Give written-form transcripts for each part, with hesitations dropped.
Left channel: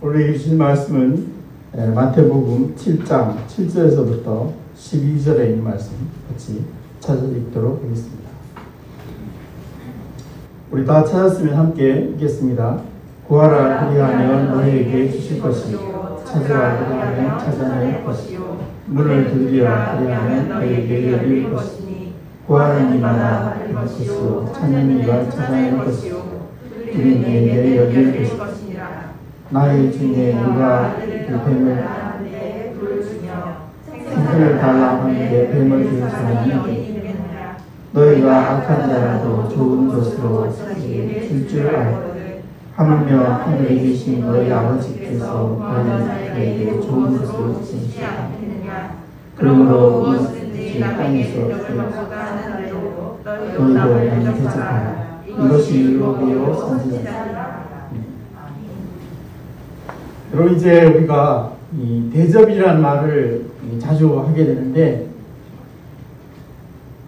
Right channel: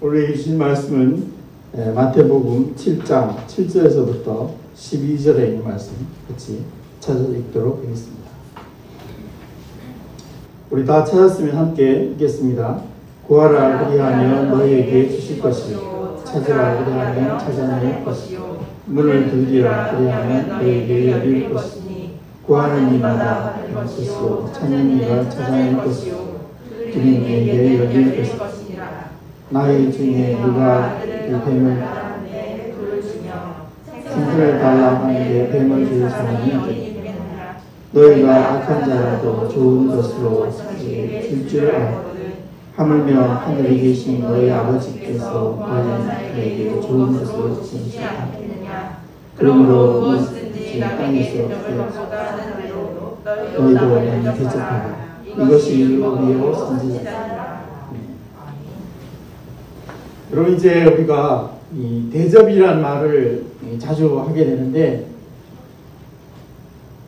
오늘 주신 말씀은 마태복음 7장 7절에서부터 12절에 있는 말씀 같이 찾아 읽도록 하겠습니다. 우리 다 찾았으면 함께 읽겠습니다. 구하라 그리하면 너희에게 주실 것이요, 찾으라 그리하면 찾아낼 것이요, 문을 두드리라 그리하면 너희에게 열릴 것이니, 구하는 이마다 받을 것이요, 찾는 이가 찾아낼 것이요, 두드리는 이에게 열릴 것이요. 나의 중에 누가 그 뱀을 생선을 달라 하는데 뱀을 줄 사람이 너희가 악한 자라도 좋은 것으로 줄 줄 알거든. 하물며 하늘에 계신 너희 아버지께서 너희에게 좋은 것을 주시리라. 그러므로 무엇든지 땅에서 너희도 많이 대접하라. 이것이 율법이요 선지자니라. 여러분, 이제 우리가 이 대접이라는 말을 자주 하게 되는데,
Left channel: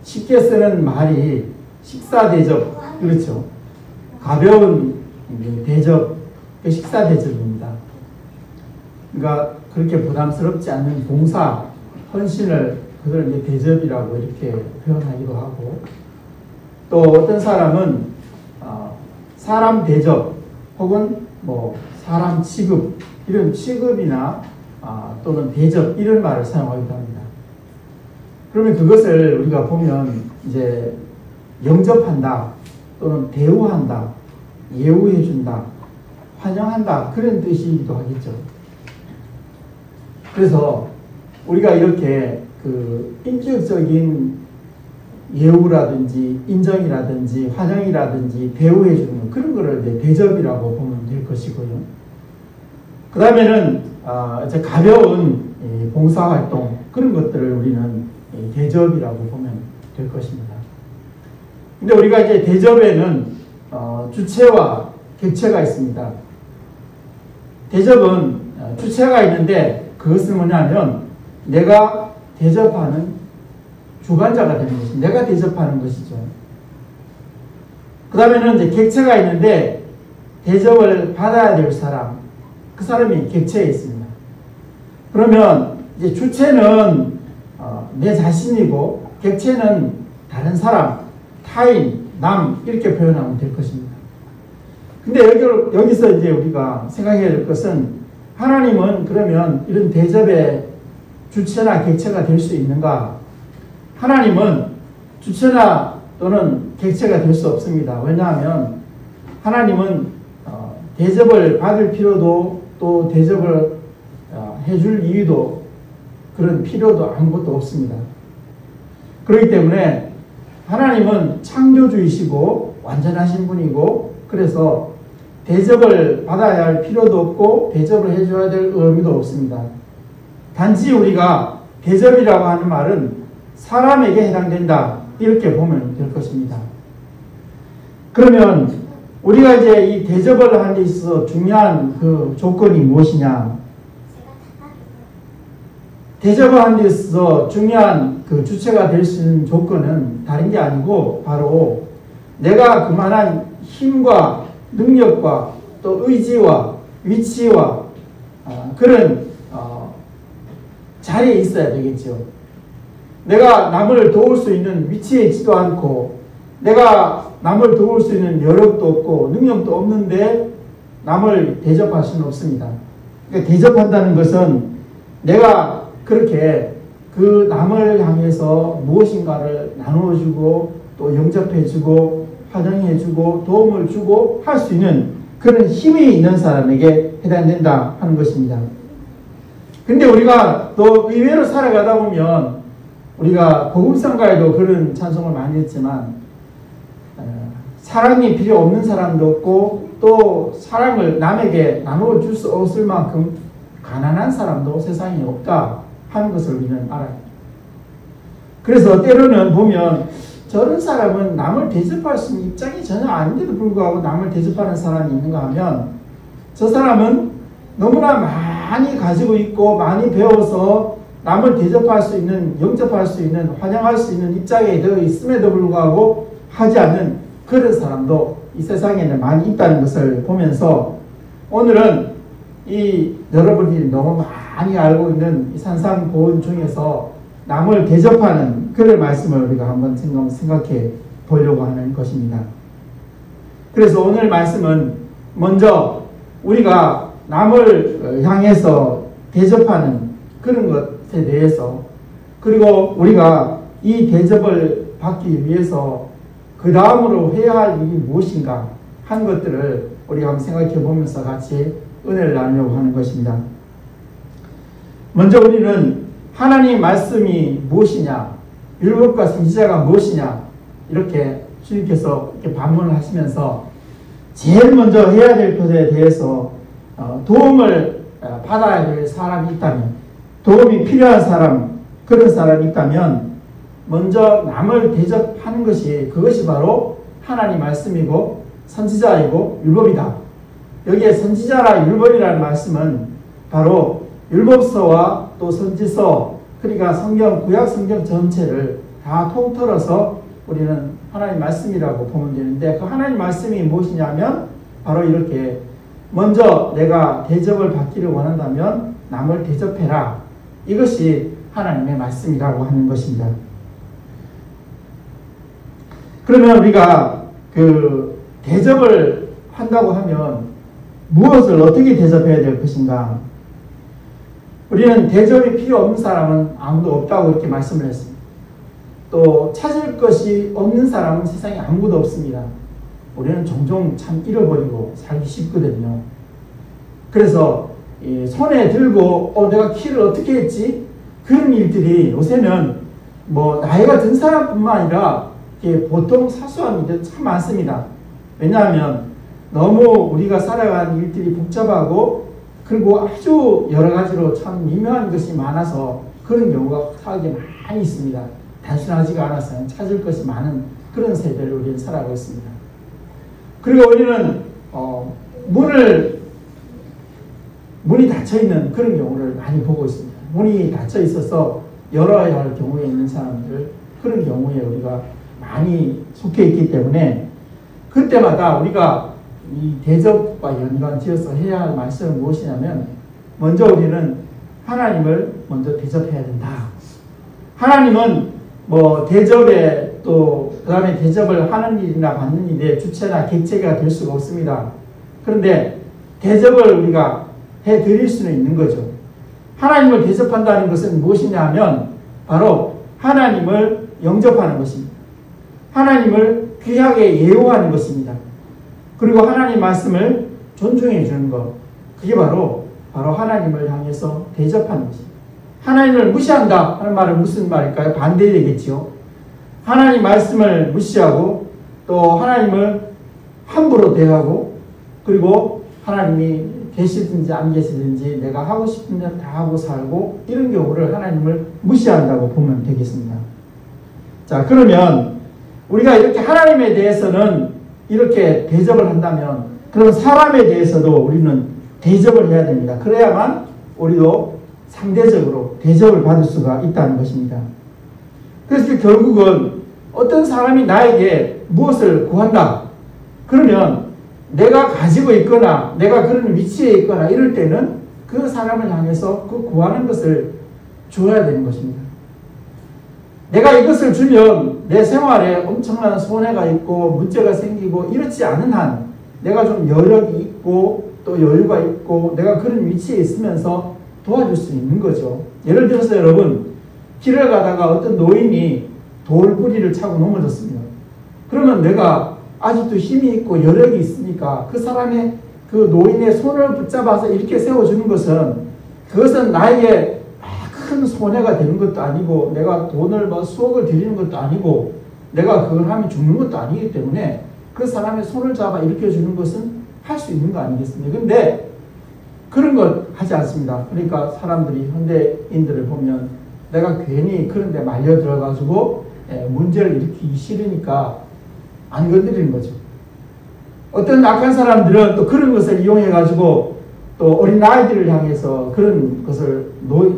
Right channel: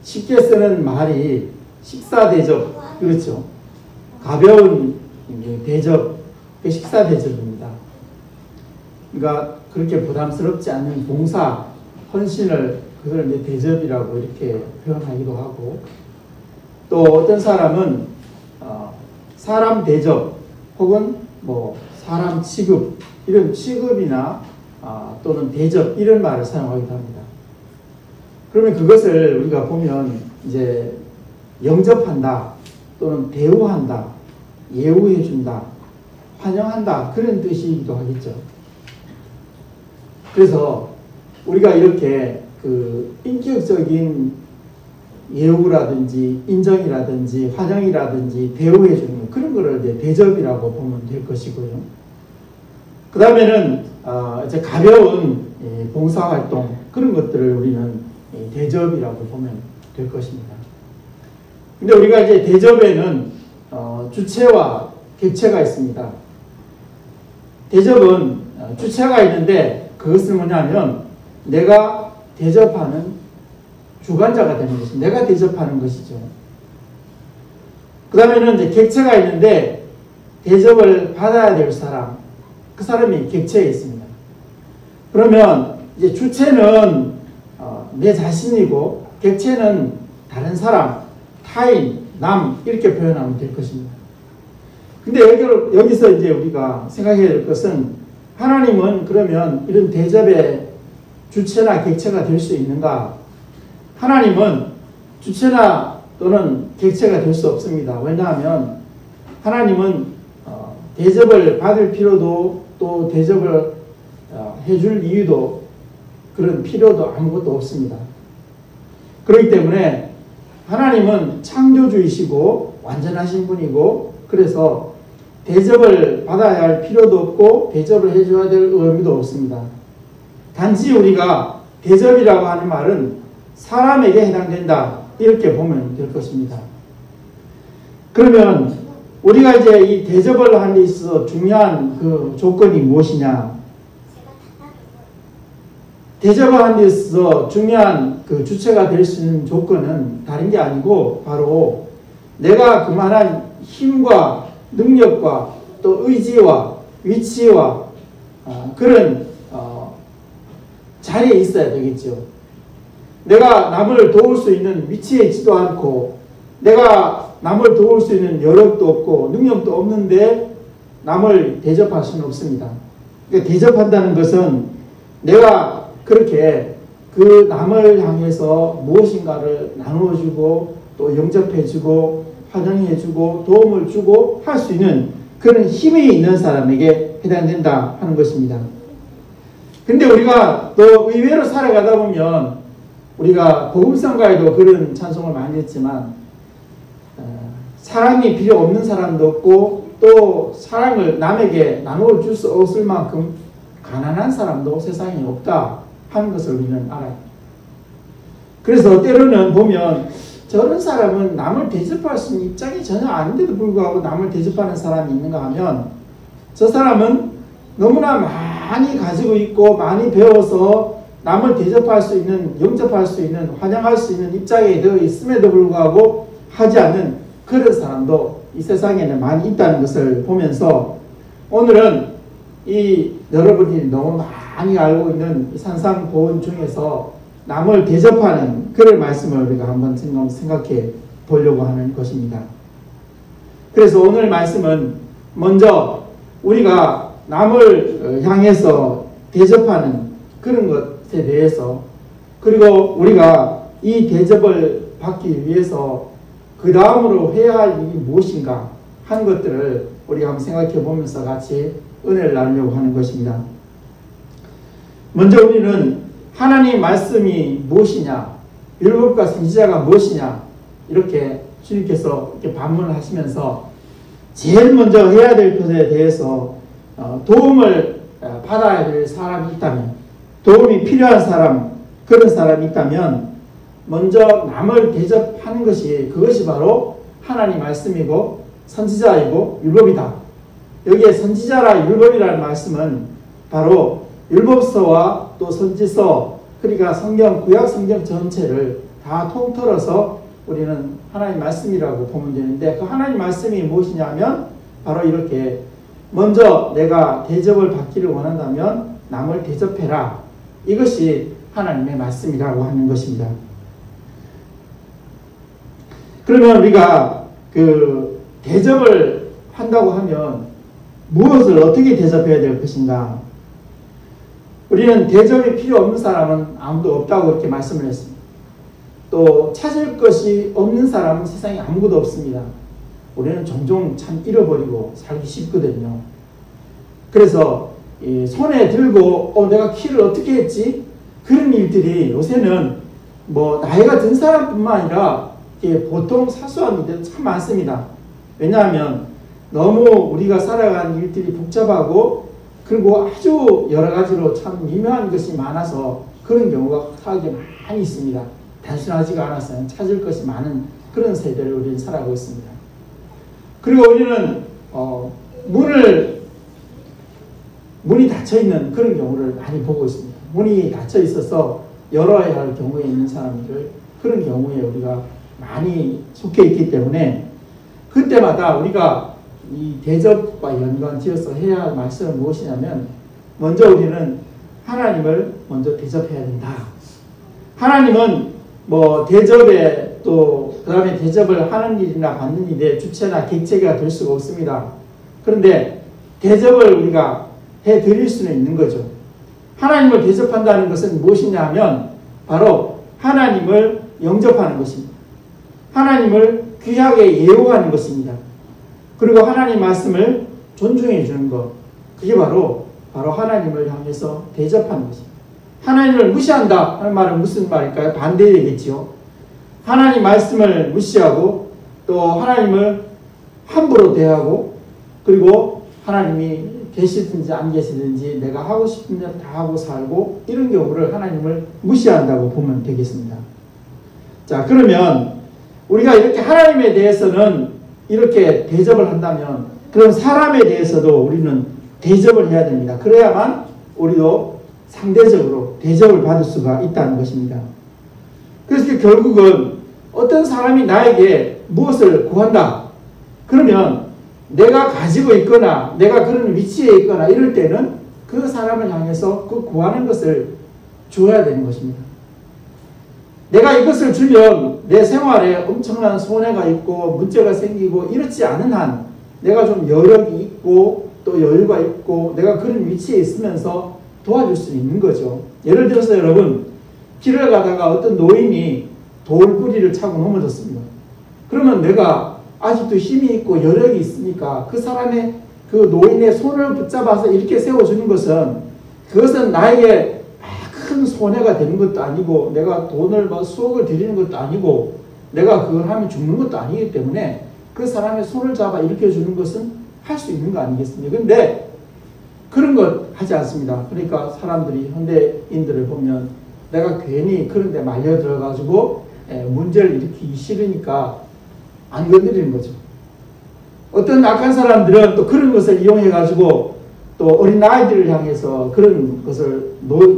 쉽게 쓰는 말이 식사 대접, 그렇죠? 가벼운 대접, 식사 대접입니다. 그러니까 그렇게 부담스럽지 않은 봉사, 헌신을 그걸 이제 대접이라고 이렇게 표현하기도 하고, 또 어떤 사람은 사람 대접 혹은 사람 취급, 이런 취급이나 또는 대접, 이런 말을 사용하기도 합니다. 그러면 그것을 우리가 보면 이제 영접한다, 또는 대우한다, 예우해준다, 환영한다, 그런 뜻이기도 하겠죠. 그래서 우리가 이렇게 그 인격적인 예우라든지 인정이라든지 환영이라든지 대우해주는 그런 거를 이제 대접이라고 보면 될 것이고요. 그 다음에는 이제 가벼운 봉사활동, 그런 것들을 우리는 대접이라고 보면 될 것입니다. 근데 우리가 이제 대접에는 주체와 객체가 있습니다. 대접은 주체가 있는데, 그것은 뭐냐면 내가 대접하는 주관자가 되는 것입니다. 내가 대접하는 것이죠. 그 다음에는 이제 객체가 있는데, 대접을 받아야 될 사람, 그 사람이 객체에 있습니다. 그러면 이제 주체는 내 자신이고, 객체는 다른 사람, 타인, 남, 이렇게 표현하면 될 것입니다. 근데 여기서 이제 우리가 생각해야 될 것은, 하나님은 그러면 이런 대접의 주체나 객체가 될 수 있는가? 하나님은 주체나 또는 객체가 될 수 없습니다. 왜냐하면 하나님은 대접을 받을 필요도, 또 대접을 해줄 이유도, 그런 필요도 아무것도 없습니다. 그렇기 때문에 하나님은 창조주이시고 완전하신 분이고, 그래서 대접을 받아야 할 필요도 없고 대접을 해줘야 될 의무도 없습니다. 단지 우리가 대접이라고 하는 말은 사람에게 해당된다, 이렇게 보면 될 것입니다. 그러면 우리가 이제 이 대접을 하는 데 있어서 중요한 그 조건이 무엇이냐? 대접을 하는 데 있어서 중요한 그 주체가 될 수 있는 조건은 다른 게 아니고, 바로 내가 그만한 힘과 능력과 또 의지와 위치와 그런 자리에 있어야 되겠죠. 내가 남을 도울 수 있는 위치에 있지도 않고, 내가 남을 도울 수 있는 여력도 없고 능력도 없는데 남을 대접할 수는 없습니다. 그러니까 대접한다는 것은 내가 그렇게 그 남을 향해서 무엇인가를 나누어주고 또 영접해주고 환영해주고 도움을 주고 할 수 있는 그런 힘이 있는 사람에게 해당된다 하는 것입니다. 근데 우리가 또 의외로 살아가다 보면, 우리가 복음성가에도 그런 찬송을 많이 했지만, 사랑이 필요 없는 사람도 없고, 또 사랑을 남에게 나누어 줄 수 없을 만큼 가난한 사람도 세상에 없다 하는 것을 우리는 알아요. 그래서 때로는 보면 저런 사람은 남을 대접할 수 있는 입장이 전혀 아닌데도 불구하고 남을 대접하는 사람이 있는가 하면, 저 사람은 너무나 많이 가지고 있고 많이 배워서 남을 대접할 수 있는, 영접할 수 있는, 환영할 수 있는 입장에 되어 있음에도 불구하고 하지 않는 그런 사람도 이 세상에는 많이 있다는 것을 보면서, 오늘은 이 여러분이 너무 많이 알고 있는 이 산상보훈 중에서 남을 대접하는 그런 말씀을 우리가 한번 생각해 보려고 하는 것입니다. 그래서 오늘 말씀은 먼저 우리가 남을 향해서 대접하는 그런 것에 대해서, 그리고 우리가 이 대접을 받기 위해서 그 다음으로 해야 할 일이 무엇인가 한 것들을 우리가 한번 생각해 보면서 같이 은혜를 나누려고 하는 것입니다. 먼저 우리는 하나님 말씀이 무엇이냐, 율법과 선지자가 무엇이냐, 이렇게 주님께서 이렇게 반문을 하시면서 제일 먼저 해야 될 것에 대해서 도움을 받아야 될 사람이 있다면, 도움이 필요한 사람, 그런 사람이 있다면 먼저 남을 대접하는 것이, 그것이 바로 하나님 말씀이고 선지자이고 율법이다. 여기에 선지자라 율법이라는 말씀은 바로 율법서와 또 선지서, 그러니까 성경, 구약 성경 전체를 다 통틀어서 우리는 하나님 말씀이라고 보면 되는데, 그 하나님 말씀이 무엇이냐면 바로 이렇게 먼저 내가 대접을 받기를 원한다면 남을 대접해라. 이것이 하나님의 말씀이라고 하는 것입니다. 그러면 우리가 그 대접을 한다고 하면 무엇을 어떻게 대접해야 될 것인가? 우리는 대접이 필요 없는 사람은 아무도 없다고 이렇게 말씀을 했습니다. 또 찾을 것이 없는 사람은 세상에 아무도 없습니다. 우리는 종종 참 잃어버리고 살기 쉽거든요. 그래서 손에 들고 내가 키를 어떻게 했지? 그런 일들이 요새는 뭐 나이가 든 사람뿐만 아니라 보통 사소한 일들 참 많습니다. 왜냐하면 너무 우리가 살아가는 일들이 복잡하고 그리고 아주 여러 가지로 참 미묘한 것이 많아서 그런 경우가 사회에 많이 있습니다. 단순하지가 않아서 찾을 것이 많은 그런 세대를 우리는 살아가고 있습니다. 그리고 우리는 문이 닫혀있는 그런 경우를 많이 보고 있습니다. 문이 닫혀 있어서 열어야 할 경우에 있는 사람들, 그런 경우에 우리가 많이 속해 있기 때문에 그때마다 우리가 이 대접과 연관지어서 해야 할 말씀은 무엇이냐면, 먼저 우리는 하나님을 먼저 대접해야 된다. 하나님은 뭐 대접에 또 그 다음에 대접을 하는 일이나 받는 일에 주체나 객체가 될 수가 없습니다. 그런데 대접을 우리가 해드릴 수는 있는 거죠. 하나님을 대접한다는 것은 무엇이냐 하면 바로 하나님을 영접하는 것입니다. 하나님을 귀하게 예우하는 것입니다. 그리고 하나님 말씀을 존중해 주는 것, 그게 바로 하나님을 향해서 대접하는 것입니다. 하나님을 무시한다 하는 말은 무슨 말일까요? 반대되겠지요. 하나님 말씀을 무시하고 또 하나님을 함부로 대하고, 그리고 하나님이 계시든지 안 계시든지 내가 하고 싶은 대로 다 하고 살고, 이런 경우를 하나님을 무시한다고 보면 되겠습니다. 자, 그러면 우리가 이렇게 하나님에 대해서는 이렇게 대접을 한다면 그런 사람에 대해서도 우리는 대접을 해야 됩니다. 그래야만 우리도 상대적으로 대접을 받을 수가 있다는 것입니다. 그래서 결국은 어떤 사람이 나에게 무엇을 구한다. 그러면 내가 가지고 있거나 내가 그런 위치에 있거나 이럴 때는 그 사람을 향해서 그 구하는 것을 줘야 되는 것입니다. 내가 이것을 주면 내 생활에 엄청난 손해가 있고 문제가 생기고 이렇지 않은 한 내가 좀 여력이 있고 또 여유가 있고 내가 그런 위치에 있으면서 도와줄 수 있는 거죠. 예를 들어서 여러분, 길을 가다가 어떤 노인이 돌뿌리를 차고 넘어졌습니다. 그러면 내가 아직도 힘이 있고 여력이 있으니까 그 사람의 그 노인의 손을 붙잡아서 이렇게 세워주는 것은, 그것은 나에게 큰 손해가 되는 것도 아니고 내가 돈을 수억을 들이는 것도 아니고 내가 그걸 하면 죽는 것도 아니기 때문에 그 사람의 손을 잡아 일으켜 주는 것은 할 수 있는 거 아니겠습니까? 근데 그런 것 하지 않습니다. 그러니까 사람들이, 현대인들을 보면 내가 괜히 그런 데 말려 들어가지고 문제를 일으키기 싫으니까 안 건드리는 거죠. 어떤 악한 사람들은 또 그런 것을 이용해가지고 또 어린 아이들을 향해서 그런 것을,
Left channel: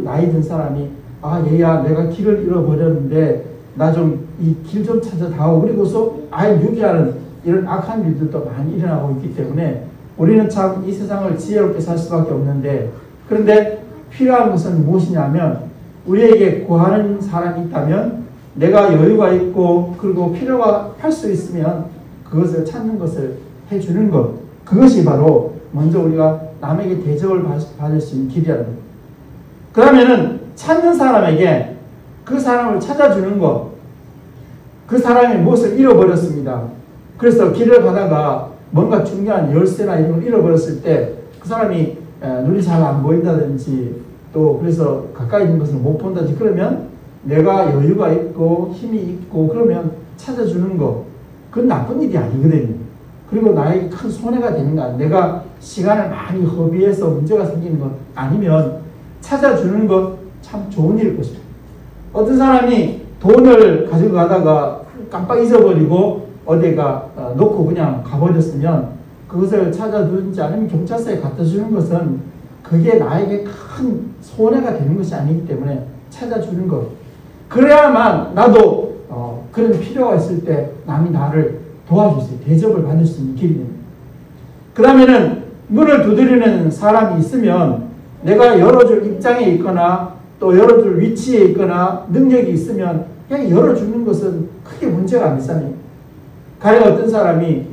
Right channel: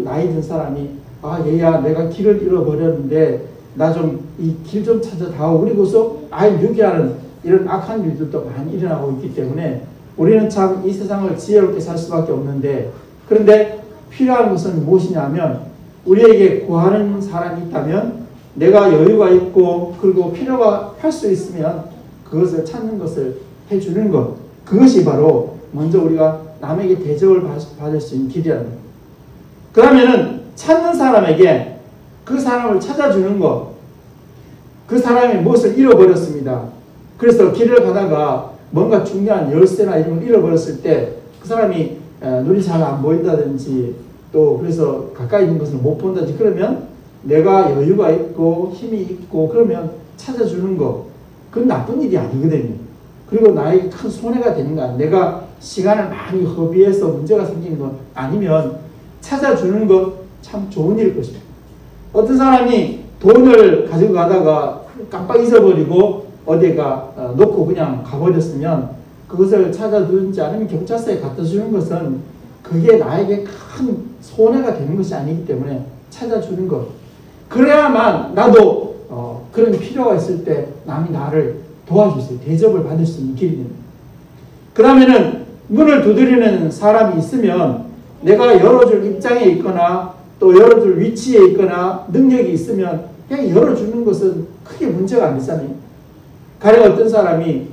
나이 든 사람이 얘야 내가 길을 잃어버렸는데 나 좀 이 길 좀 찾아 다오, 그리고서 아이 유기하는 이런 악한 일들도 많이 일어나고 있기 때문에 우리는 참 이 세상을 지혜롭게 살 수밖에 없는데, 그런데 필요한 것은 무엇이냐면, 우리에게 구하는 사람이 있다면 내가 여유가 있고 그리고 필요가 할 수 있으면 그것을 찾는 것을 해주는 것, 그것이 바로 먼저 우리가 남에게 대접을 받을 수 있는 길이라는 것. 그러면은 찾는 사람에게 그 사람을 찾아주는 것, 그 사람이 무엇을 잃어버렸습니다. 그래서 길을 가다가 뭔가 중요한 열쇠나 이런 걸 잃어버렸을 때 그 사람이 눈이 잘 안 보인다든지 또 그래서 가까이 있는 것을 못 본다든지 그러면 내가 여유가 있고 힘이 있고 그러면 찾아주는 것, 그건 나쁜 일이 아니거든요. 그리고 나에게 큰 손해가 되는 거 아니에요. 내가 시간을 많이 허비해서 문제가 생기는 것 아니면 찾아주는 것 참 좋은 일일 것이다. 어떤 사람이 돈을 가지고 가다가 깜빡 잊어버리고 어디가 놓고 그냥 가버렸으면 그것을 찾아주지 않으면 경찰서에 갖다 주는 것은 그게 나에게 큰 손해가 되는 것이 아니기 때문에 찾아주는 것. 그래야만 나도 그런 필요가 있을 때 남이 나를 도와줄 수 있어요. 대접을 받을 수 있는 길이 됩니다. 그러면은 문을 두드리는 사람이 있으면 내가 열어줄 입장에 있거나 또 열어줄 위치에 있거나 능력이 있으면 그냥 열어주는 것은 크게 문제가 안 되잖아요. 가령 어떤 사람이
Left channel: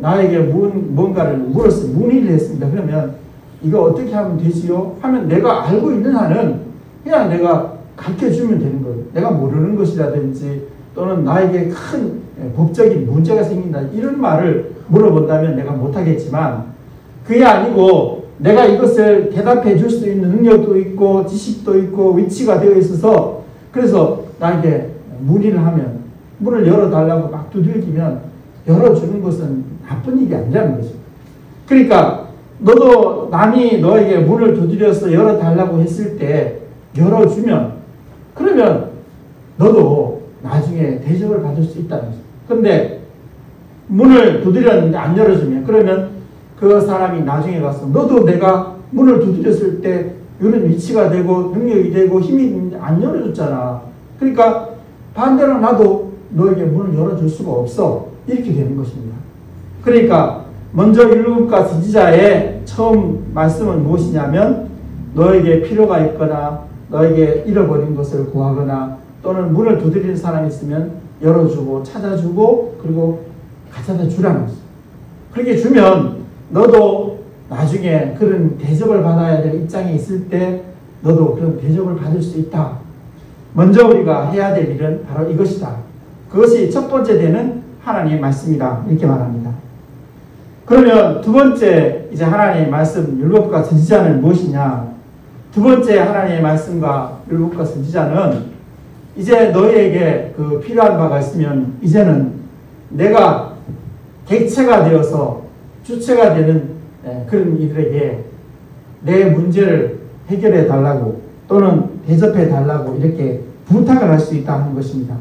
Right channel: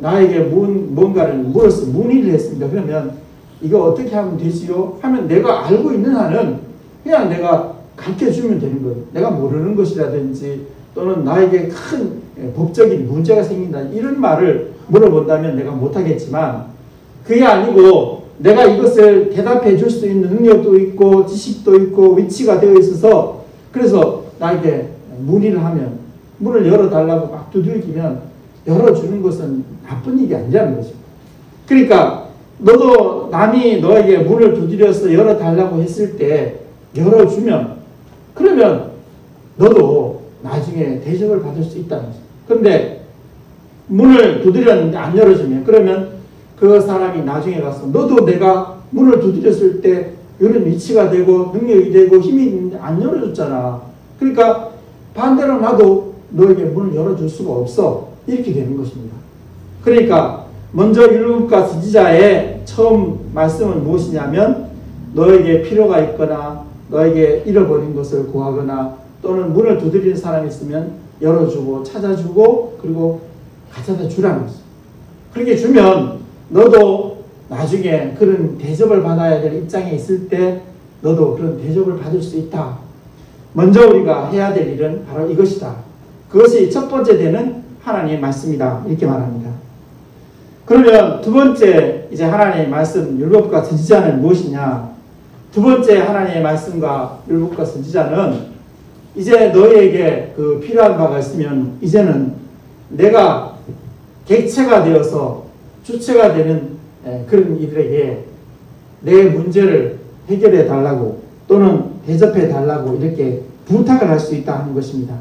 나에게 뭔가를 물었어요. 문의를 했습니다. 그러면 이거 어떻게 하면 되지요? 하면 내가 알고 있는 한은 그냥 내가 가르쳐주면 되는 거예요. 내가 모르는 것이라든지 또는 나에게 큰 법적인 문제가 생긴다 이런 말을 물어본다면 내가 못하겠지만, 그게 아니고 내가 이것을 대답해 줄 수 있는 능력도 있고 지식도 있고 위치가 되어 있어서 그래서 나에게 문의를 하면 문을 열어달라고 막 두들기면 열어주는 것은 나쁜 일이 아니라는 거죠. 그러니까 너도 남이 너에게 문을 두드려서 열어달라고 했을 때 열어주면 그러면 너도 나중에 대접을 받을 수 있다는 거죠. 그런데 문을 두드렸는데 안 열어주면 그러면 그 사람이 나중에 가서 너도 내가 문을 두드렸을 때 이런 위치가 되고 능력이 되고 힘이 있는데 안 열어줬잖아. 그러니까 반대로 나도 너에게 문을 열어줄 수가 없어. 이렇게 되는 것입니다. 그러니까 먼저 율법과 선지자의 처음 말씀은 무엇이냐면 너에게 필요가 있거나 너에게 잃어버린 것을 구하거나 또는 문을 두드리는 사람이 있으면 열어주고 찾아주고 그리고 가져다 주라는 거죠. 그렇게 주면 너도 나중에 그런 대접을 받아야 될 입장에 있을 때 너도 그런 대접을 받을 수 있다. 먼저 우리가 해야 될 일은 바로 이것이다. 그것이 첫 번째 되는 하나님의 말씀이다. 이렇게 말합니다. 그러면 두 번째 이제 하나님의 말씀 율법과 선지자는 무엇이냐? 두 번째 하나님의 말씀과 율법과 선지자는 이제 너희에게 그 필요한 바가 있으면 이제는 내가 객체가 되어서 주체가 되는 그런 이들에게 내 문제를 해결해 달라고 또는 대접해 달라고 이렇게 부탁을 할 수 있다는 것입니다.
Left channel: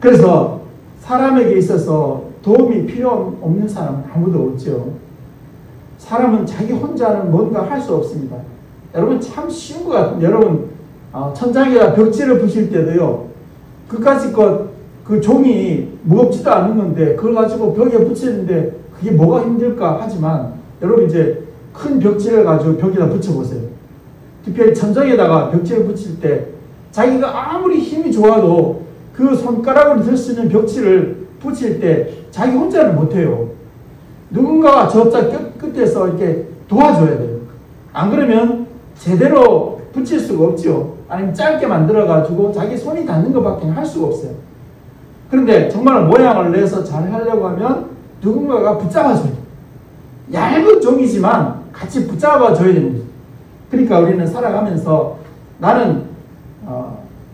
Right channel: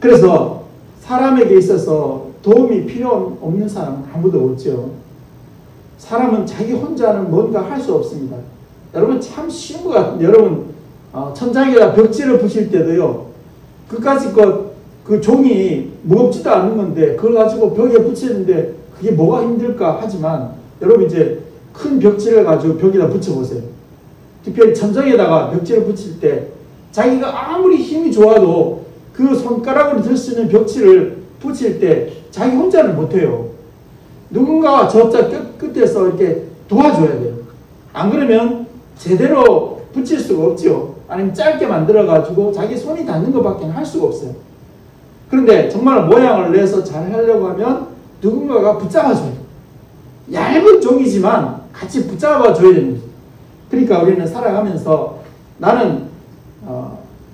그래서 사람에게 있어서 도움이 필요 없는 사람은 아무도 없죠. 사람은 자기 혼자는 뭔가 할 수 없습니다. 여러분 참 쉬운 것 같은데 여러분 천장에다 벽지를 부실 때도요. 그까짓 그 종이 무겁지도 않은 건데 그걸 가지고 벽에 붙이는데 그게 뭐가 힘들까 하지만 여러분 이제 큰 벽지를 가지고 벽에다 붙여보세요. 특별히 천장에다가 벽지를 붙일 때 자기가 아무리 힘이 좋아도 그 손가락으로 들 수 있는 벽지를 붙일 때 자기 혼자는 못해요. 누군가가 저쪽 끝에서 이렇게 도와줘야 돼요. 안 그러면 제대로 붙일 수가 없죠. 아니면 짧게 만들어가지고 자기 손이 닿는 것밖에 할 수가 없어요. 그런데 정말 모양을 내서 잘 하려고 하면 누군가가 붙잡아줘야 돼요. 얇은 종이지만 같이 붙잡아줘야 됩니다. 그러니까 우리는 살아가면서 나는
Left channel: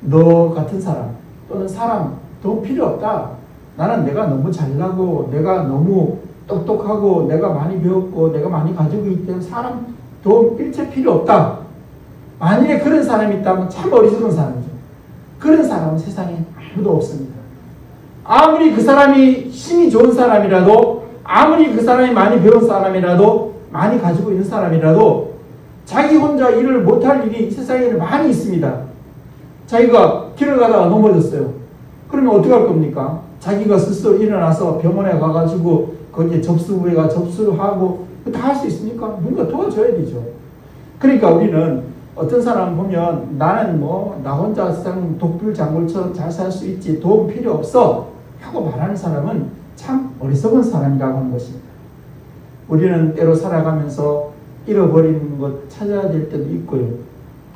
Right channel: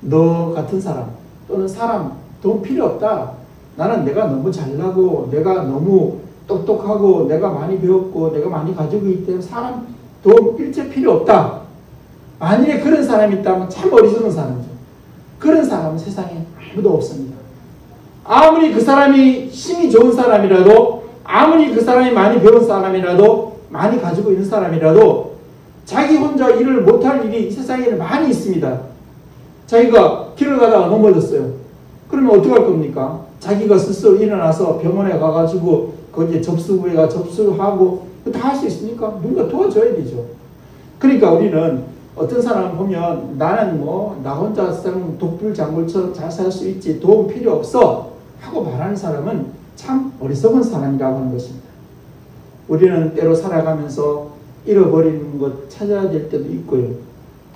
너 같은 사람 또는 사람 도움 필요 없다. 나는 내가 너무 잘나고 내가 너무 똑똑하고 내가 많이 배웠고 내가 많이 가지고 있기 때문에 사람 도움 일체 필요 없다. 만일에 그런 사람이 있다면 참 어리석은 사람이죠. 그런 사람은 세상에 아무도 없습니다. 아무리 그 사람이 힘이 좋은 사람이라도 아무리 그 사람이 많이 배운 사람이라도 많이 가지고 있는 사람이라도 자기 혼자 일을 못할 일이 이 세상에는 많이 있습니다. 자기가 길을 가다가 넘어졌어요. 그러면 어떻게 할 겁니까? 자기가 스스로 일어나서 병원에 가가지고 거기에 접수부회가 접수하고 다 할 수 있으니까 누군가 도와줘야 되죠. 그러니까 우리는 어떤 사람 보면 나는 뭐 나 혼자 독불장군처럼 잘 살 수 있지 도움 필요 없어 하고 말하는 사람은 참 어리석은 사람이라고 하는 것입니다. 우리는 때로 살아가면서 잃어버리는 것 찾아야 될 때도 있고요.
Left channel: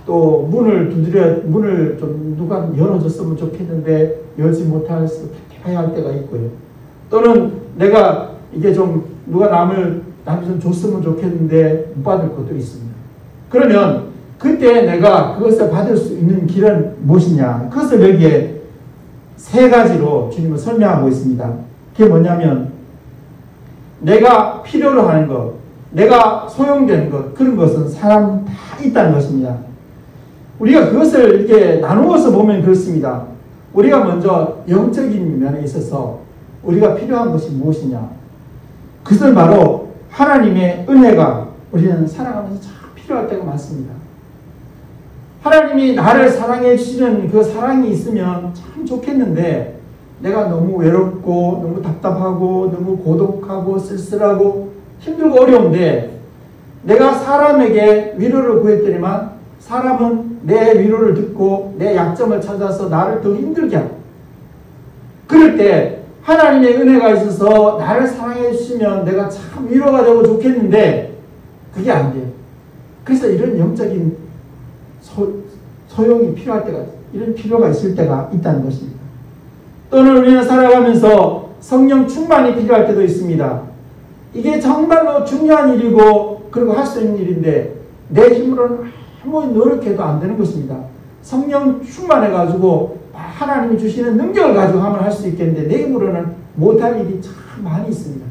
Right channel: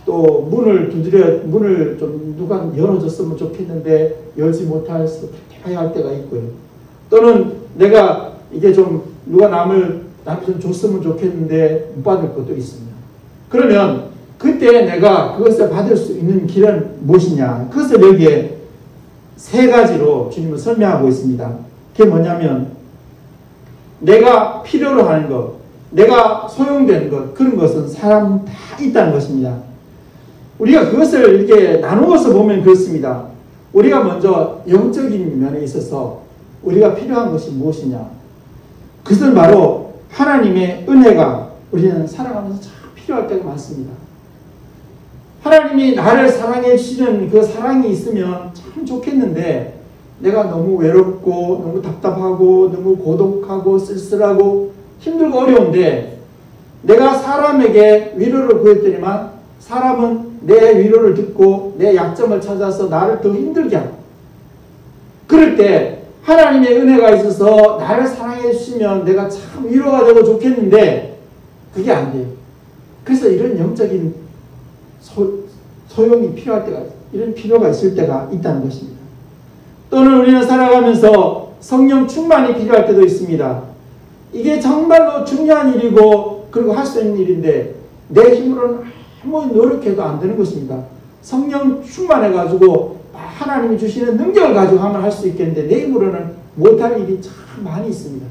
또 문을 좀 누가 열어줬으면 좋겠는데 열지 못해서 해야 할 때가 있고요. 또는 내가 이게 좀 누가 남이 좀 줬으면 좋겠는데 못 받을 것도 있습니다. 그러면 그때 내가 그것을 받을 수 있는 길은 무엇이냐? 그것을 여기에 세 가지로 주님은 설명하고 있습니다. 그게 뭐냐면 내가 필요로 하는 것, 내가 소용되는 것, 그런 것은 사람 다 있다는 것입니다. 우리가 그것을 이렇게 나누어서 보면 그렇습니다. 우리가 먼저 영적인 면에 있어서 우리가 필요한 것이 무엇이냐? 그것은 바로 하나님의 은혜가 우리는 살아가면서 참 필요할 때가 많습니다. 하나님이 나를 사랑해 주시는 그 사랑이 있으면 참 좋겠는데 내가 너무 외롭고 너무 답답하고 너무 고독하고 쓸쓸하고 힘들고 어려운데 내가 사람에게 위로를 구했더니만 사람은 내 위로를 듣고 내 약점을 찾아서 나를 더 힘들게 하고 그럴 때 하나님의 은혜가 있어서 나를 사랑해 주시면 내가 참 위로가 되고 좋겠는데 그게 안 돼요. 그래서 이런 영적인 소용이 필요할 때가 이런 필요가 있을 때가 있다는 것입니다. 또는 우리는 살아가면서 성령 충만이 필요할 때도 있습니다. 이게 정말로 중요한 일이고 그리고 할 수 있는 일인데 내 힘으로는 아무리 노력해도 안 되는 것입니다. 성령 충만해가지고 하나님이 주시는 능력을 가지고 하면 할 수 있겠는데 내 힘으로는 못할 일이 참 많이 있습니다.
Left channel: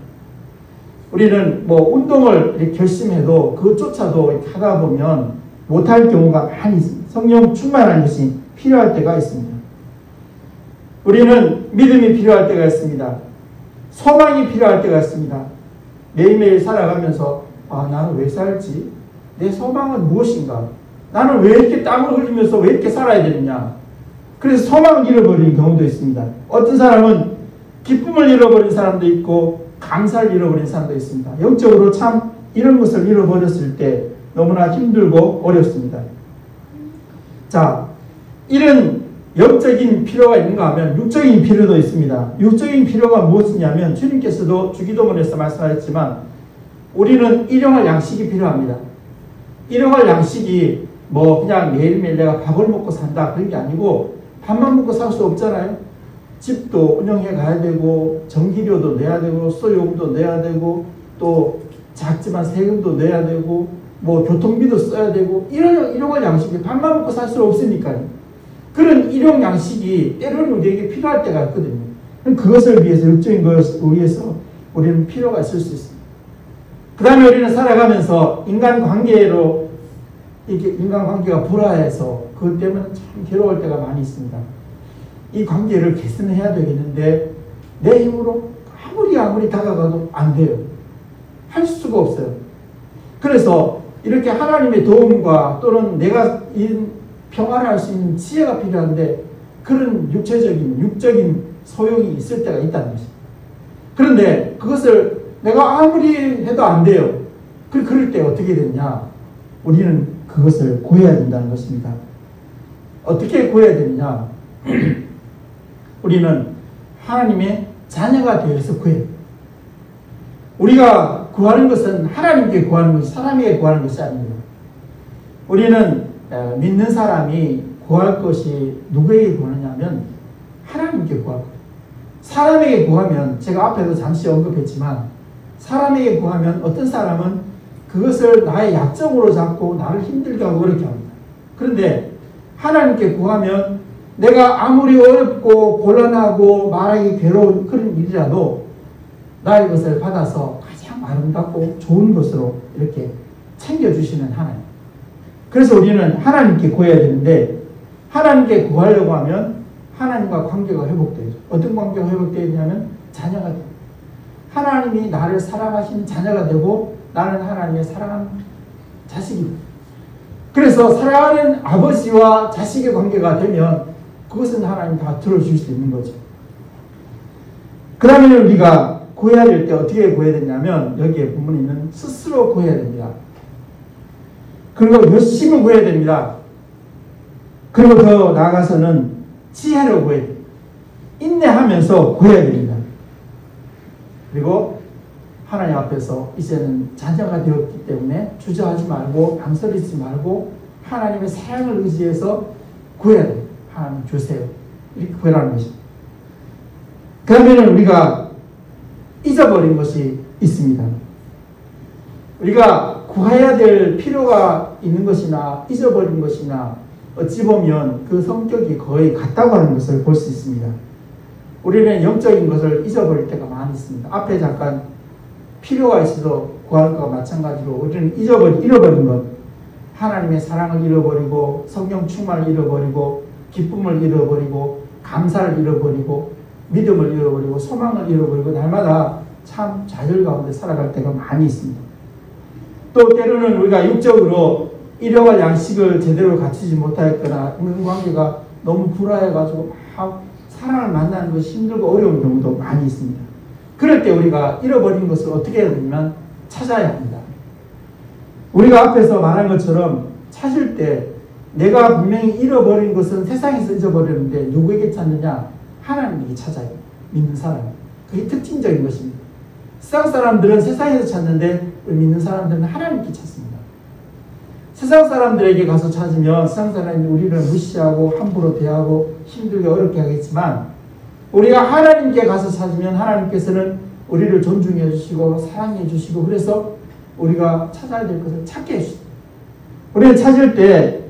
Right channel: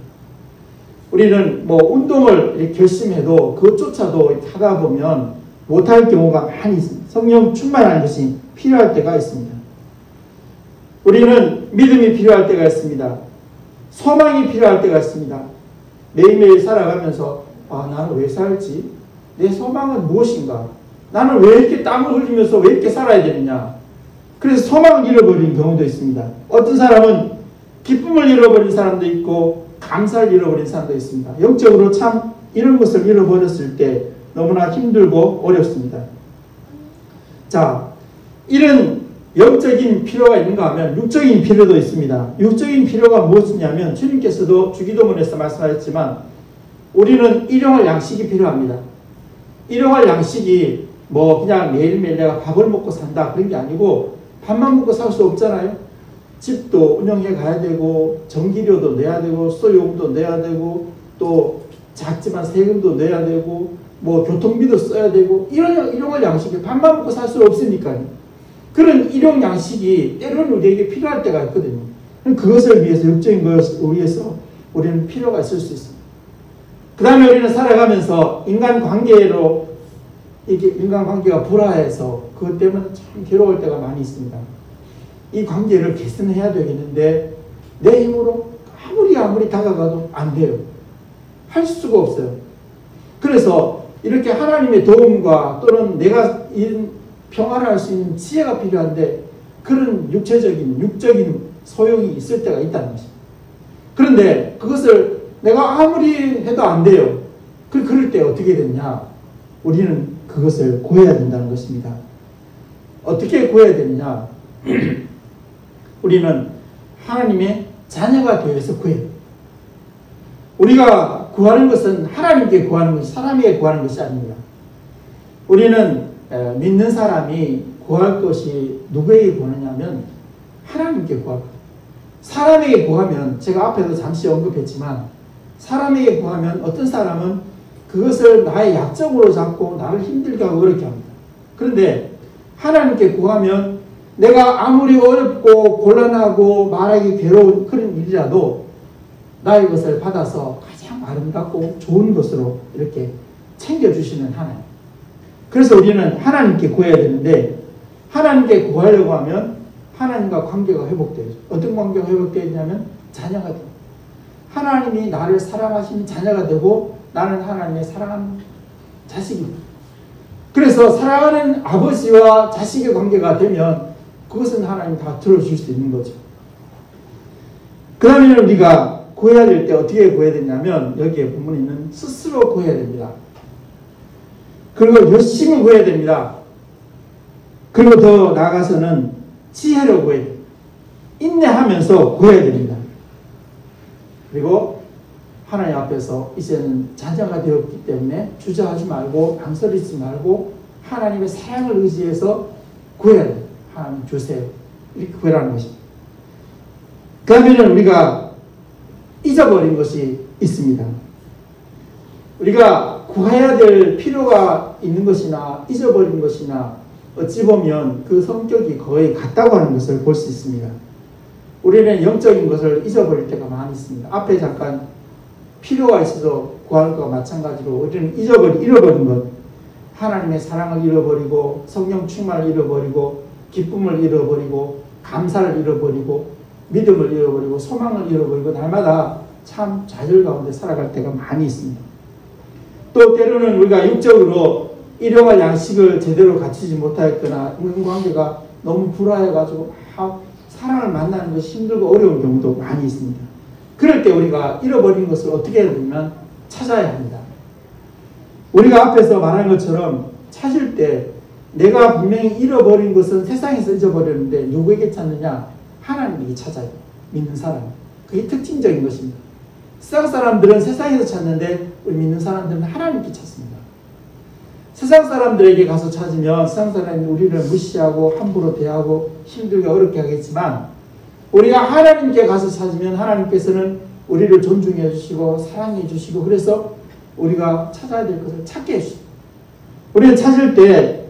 우리는 뭐 운동을 이렇게 결심해도 그것조차도 하다 보면 못할 경우가 많이 있습니다. 성령 충만한 것이 필요할 때가 있습니다. 우리는 믿음이 필요할 때가 있습니다. 소망이 필요할 때가 있습니다. 매일매일 살아가면서 나는 왜 살지? 내 소망은 무엇인가? 나는 왜 이렇게 땀을 흘리면서 왜 이렇게 살아야 되느냐? 그래서 소망을 잃어버리는 경우도 있습니다. 어떤 사람은 기쁨을 잃어버린 사람도 있고 감사를 잃어버린 사람도 있습니다. 영적으로 참 이런 것을 잃어버렸을 때 너무나 힘들고 어렵습니다. 자, 이런 영적인 필요가 있는가 하면 육적인 필요도 있습니다. 육적인 필요가 무엇이냐면 주님께서도 주기도문에서 말씀하셨지만 우리는 일용할 양식이 필요합니다. 일용할 양식이 뭐 그냥 매일매일 내가 밥을 먹고 산다 그런 게 아니고 밥만 먹고 살 수 없잖아요. 집도 운영해 가야 되고 전기료도 내야 되고 수요금도 내야 되고 또 작지만 세금도 내야 되고 뭐 교통비도 써야 되고 이런 일용할 양식이 밥만 먹고 살 수 없으니까요. 그런 일용 양식이 때로는 우리에게 필요할 때가 있거든요. 그것을 위해서 육적인 것을 위해서 우리는 필요가 있을 수 있습니다. 그 다음에 우리는 살아가면서 인간관계로 이게 인간관계가 불화해서 그것 때문에 참 괴로울 때가 많이 있습니다. 이 관계를 개선해야 되겠는데 내 힘으로 아무리 다가가도 안 돼요. 할 수가 없어요. 그래서 이렇게 하나님의 도움과 또는 내가 평화를 할 수 있는 지혜가 필요한데 그런 육적인 소용이 있을 때가 있다는 것입니다. 그런데 그것을 내가 아무리 해도 안 돼요. 그럴 때 어떻게 되느냐? 우리는 그것을 구해야 된다는 것입니다. 어떻게 구해야 되느냐? 우리는 하나님의 자녀가 되어서 구해요. 우리가 구하는 것은 하나님께 구하는 것이 사람에게 구하는 것이 아닙니다. 우리는 믿는 사람이 구할 것이 누구에게 구하느냐면 하나님께 구하거든요. 사람에게 구하면 제가 앞에도 잠시 언급했지만 사람에게 구하면 어떤 사람은 그것을 나의 약점으로 잡고 나를 힘들게 하고 그렇게 합니다. 그런데 하나님께 구하면 내가 아무리 어렵고 곤란하고 말하기 괴로운 그런 일이라도 나의 것을 받아서 가장 아름답고 좋은 것으로 이렇게 챙겨주시는 하나님. 그래서 우리는 하나님께 구해야 되는데 하나님께 구하려고 하면 하나님과 관계가 회복되죠. 어떤 관계가 회복되냐면 자녀가 됩니다. 하나님이 나를 사랑하시는 자녀가 되고 나는 하나님의 사랑하는 자식입니다. 그래서 사랑하는 아버지와 자식의 관계가 되면 그것은 하나님 다 들어줄 수 있는 거죠. 그 다음에 우리가 구해야 될 때 어떻게 구해야 되냐면 여기에 본문에 있는 스스로 구해야 됩니다. 그리고 열심히 구해야 됩니다. 그리고 더 나아가서는 지혜로 구해야 됩니다. 인내하면서 구해야 됩니다. 그리고 하나님 앞에서 이제는 자녀가 되었기 때문에 주저하지 말고 망설이지 말고 하나님의 사랑을 의지해서 구해야 돼요. 하나님 주세요. 이렇게 구해라는 것입니다. 그러면 우리가 잊어버린 것이 있습니다. 우리가 구해야 될 필요가 있는 것이나 잊어버린 것이나 어찌 보면 그 성격이 거의 같다고 하는 것을 볼 수 있습니다. 우리는 영적인 것을 잊어버릴 때가 많이 있습니다. 앞에 잠깐 필요가 있어도 구할 것과 마찬가지로 우리는 잃어버린 것, 하나님의 사랑을 잃어버리고 성령 충만을 잃어버리고 기쁨을 잃어버리고 감사를 잃어버리고 믿음을 잃어버리고 소망을 잃어버리고 날마다 참 좌절 가운데 살아갈 때가 많이 있습니다. 또 때로는 우리가 육적으로 일용할 양식을 제대로 갖추지 못하였거나 인간관계가 너무 불화해가지고 막 사랑을 만나는 것이 힘들고 어려운 경우도 많이 있습니다. 그럴 때 우리가 잃어버린 것을 어떻게 해야 되냐면 찾아야 합니다. 우리가 앞에서 말한 것처럼 찾을 때 내가 분명히 잃어버린 것은 세상에서 잊어버렸는데 누구에게 찾느냐? 하나님에게 찾아야 돼요. 믿는 사람. 그게 특징적인 것입니다. 세상 사람들은 세상에서 찾는데 믿는 사람들은 하나님께 찾습니다. 세상 사람들에게 가서 찾으면 세상 사람이 우리를 무시하고 함부로 대하고 힘들게 어렵게 하겠지만 우리가 하나님께 가서 찾으면 하나님께서는 우리를 존중해 주시고 사랑해 주시고 그래서 우리가 찾아야 될 것을 찾게 해주십니다. 우리는 찾을 때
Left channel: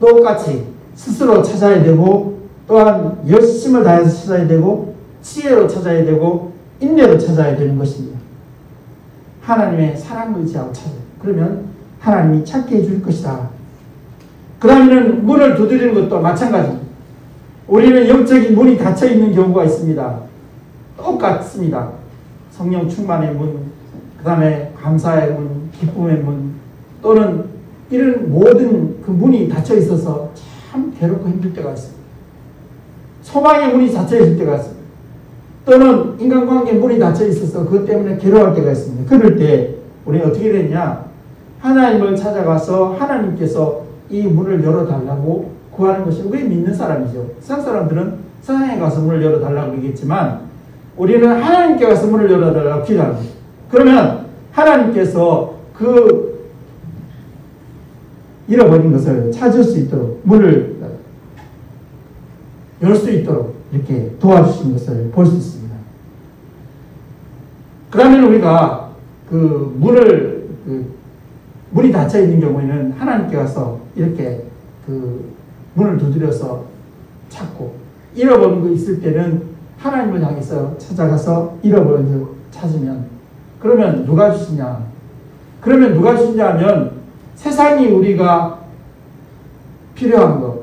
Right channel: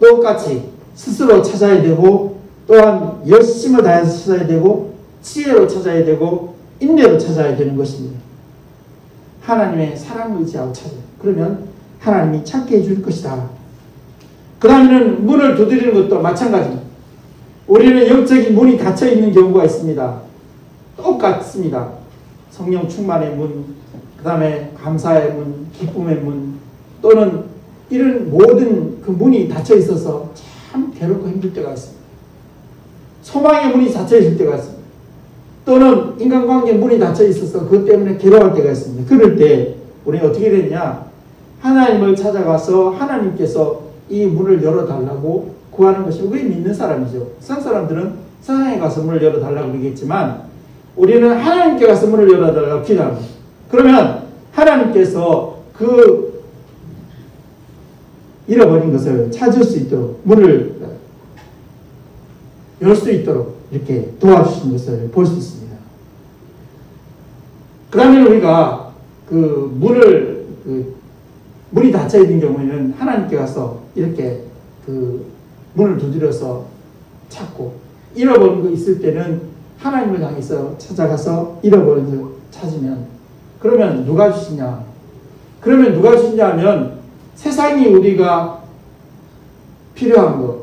똑같이 스스로 찾아야 되고 또한 열심을 다해서 찾아야 되고 지혜로 찾아야 되고 인내로 찾아야 되는 것입니다. 하나님의 사랑을 의지하고 찾아요. 그러면 하나님이 찾게 해줄 것이다. 그 다음에는 문을 두드리는 것도 마찬가지입니다. 우리는 영적인 문이 닫혀있는 경우가 있습니다. 똑같습니다. 성령 충만의 문, 그 다음에 감사의 문, 기쁨의 문, 또는 이런 모든 그 문이 닫혀 있어서 참 괴롭고 힘들 때가 있습니다. 소망의 문이 닫혀 있을 때가 있습니다. 또는 인간관계 문이 닫혀 있어서 그것 때문에 괴로울 때가 있습니다. 그럴 때 우리는 어떻게 되냐? 하나님을 찾아가서 하나님께서 이 문을 열어달라고 구하는 것이 우리 믿는 사람이죠. 세상 사람들은 세상에 가서 문을 열어달라고 그러겠지만 우리는 하나님께 가서 문을 열어달라고 기도합니다. 그러면 하나님께서 그 잃어버린 것을 찾을 수 있도록 문을 열 수 있도록 이렇게 도와주시는 것을 볼 수 있습니다. 그러면 우리가 그 문이 닫혀 있는 경우에는 하나님께 가서 이렇게 그 문을 두드려서 찾고 잃어버린 거 있을 때는 하나님을 향해서 찾아가서 잃어버린 걸 찾으면 그러면 누가 주시냐? 그러면 누가 주시냐 하면 세상이 우리가 필요한 것,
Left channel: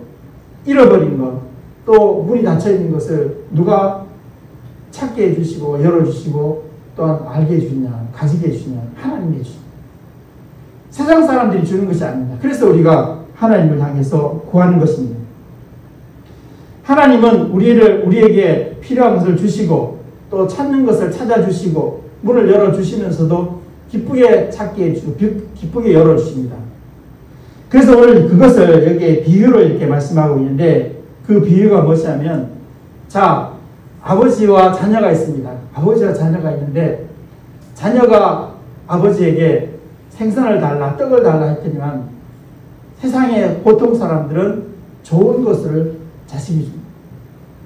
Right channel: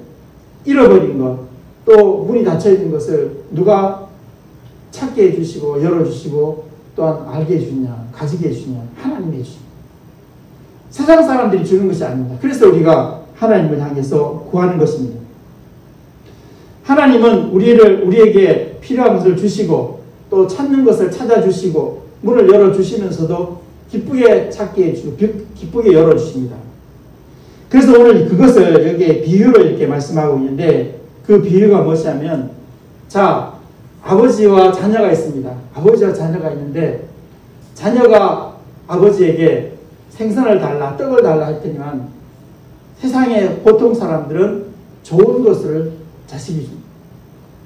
잃어버린 것, 또 문이 닫혀있는 것을 누가 찾게 해주시고 열어주시고 또한 알게 해주냐, 가지게 해주냐, 하나님이 해주십니다. 세상 사람들이 주는 것이 아닙니다. 그래서 우리가 하나님을 향해서 구하는 것입니다. 하나님은 우리에게 필요한 것을 주시고 또 찾는 것을 찾아주시고 문을 열어주시면서도 기쁘게 찾게 해주고 기쁘게 열어주십니다. 그래서 오늘 그것을 여기에 비유로 이렇게 말씀하고 있는데 그 비유가 무엇이냐면 자, 아버지와 자녀가 있습니다. 아버지와 자녀가 있는데 자녀가 아버지에게 생선을 달라, 떡을 달라 했더니만 세상의 보통 사람들은 좋은 것을 자식이 줍니다.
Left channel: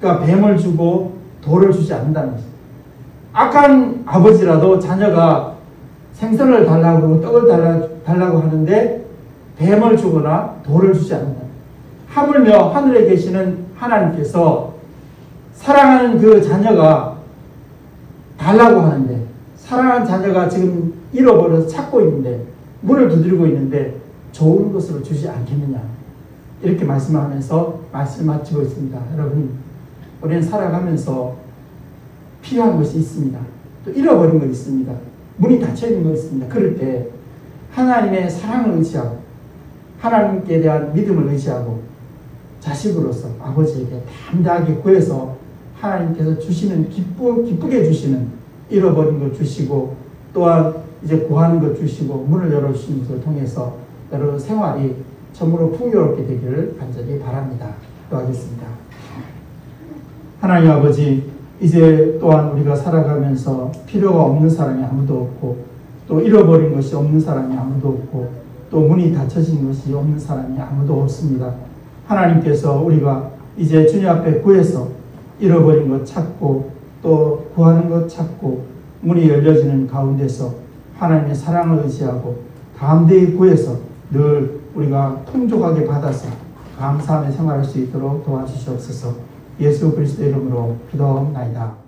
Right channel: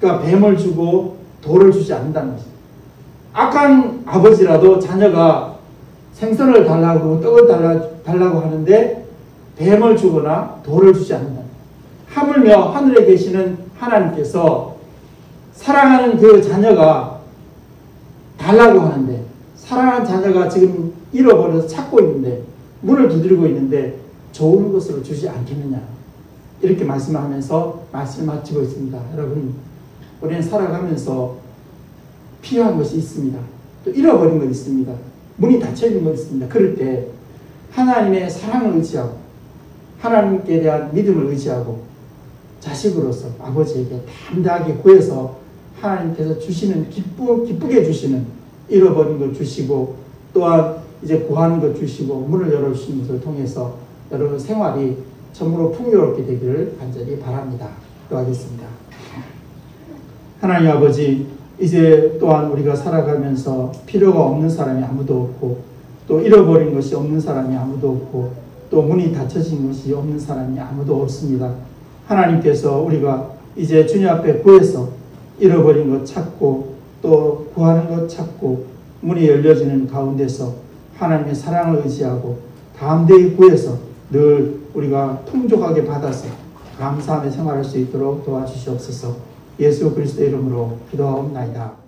그러니까 뱀을 주고 돌을 주지 않는다는 것입니다. 악한 아버지라도 자녀가 생선을 달라고 떡을 달라고 하는데 뱀을 주거나 돌을 주지 않는다. 하물며 하늘에 계시는 하나님께서 사랑하는 그 자녀가 달라고 하는데 사랑하는 자녀가 지금 잃어버려서 찾고 있는데 문을 두드리고 있는데 좋은 것으로 주지 않겠느냐 이렇게 말씀하면서 말씀을 마치고 있습니다. 여러분 우리는 살아가면서 필요한 것이 있습니다. 또 잃어버린 것이 있습니다. 문이 닫혀있는 것이 있습니다. 그럴 때 하나님의 사랑을 의지하고 하나님께 대한 믿음을 의지하고 자식으로서 아버지에게 담대하게 구해서 하나님께서 주시는 기쁘게 주시는 잃어버린 것 주시고 또한 이제 구하는 것 주시고 문을 열어주신 것을 통해서 여러분 생활이 참으로 풍요롭게 되기를 간절히 바랍니다. 기도하겠습니다. 하나님 아버지, 이제 또한 우리가 살아가면서 필요가 없는 사람이 아무도 없고 또 잃어버린 것이 없는 사람이 아무도 없고 또 문이 닫혀진 것이 없는 사람이 아무도 없습니다. 하나님께서 우리가 이제 주님 앞에 구해서 잃어버린 것 찾고 또 구하는 것 찾고 문이 열려지는 가운데서 하나님의 사랑을 의지하고 담대히 구해서 늘 우리가 풍족하게 받아서 감사하며 생활할 수 있도록 도와주시옵소서. 예수 그리스도의 이름으로 기도하옵나이다.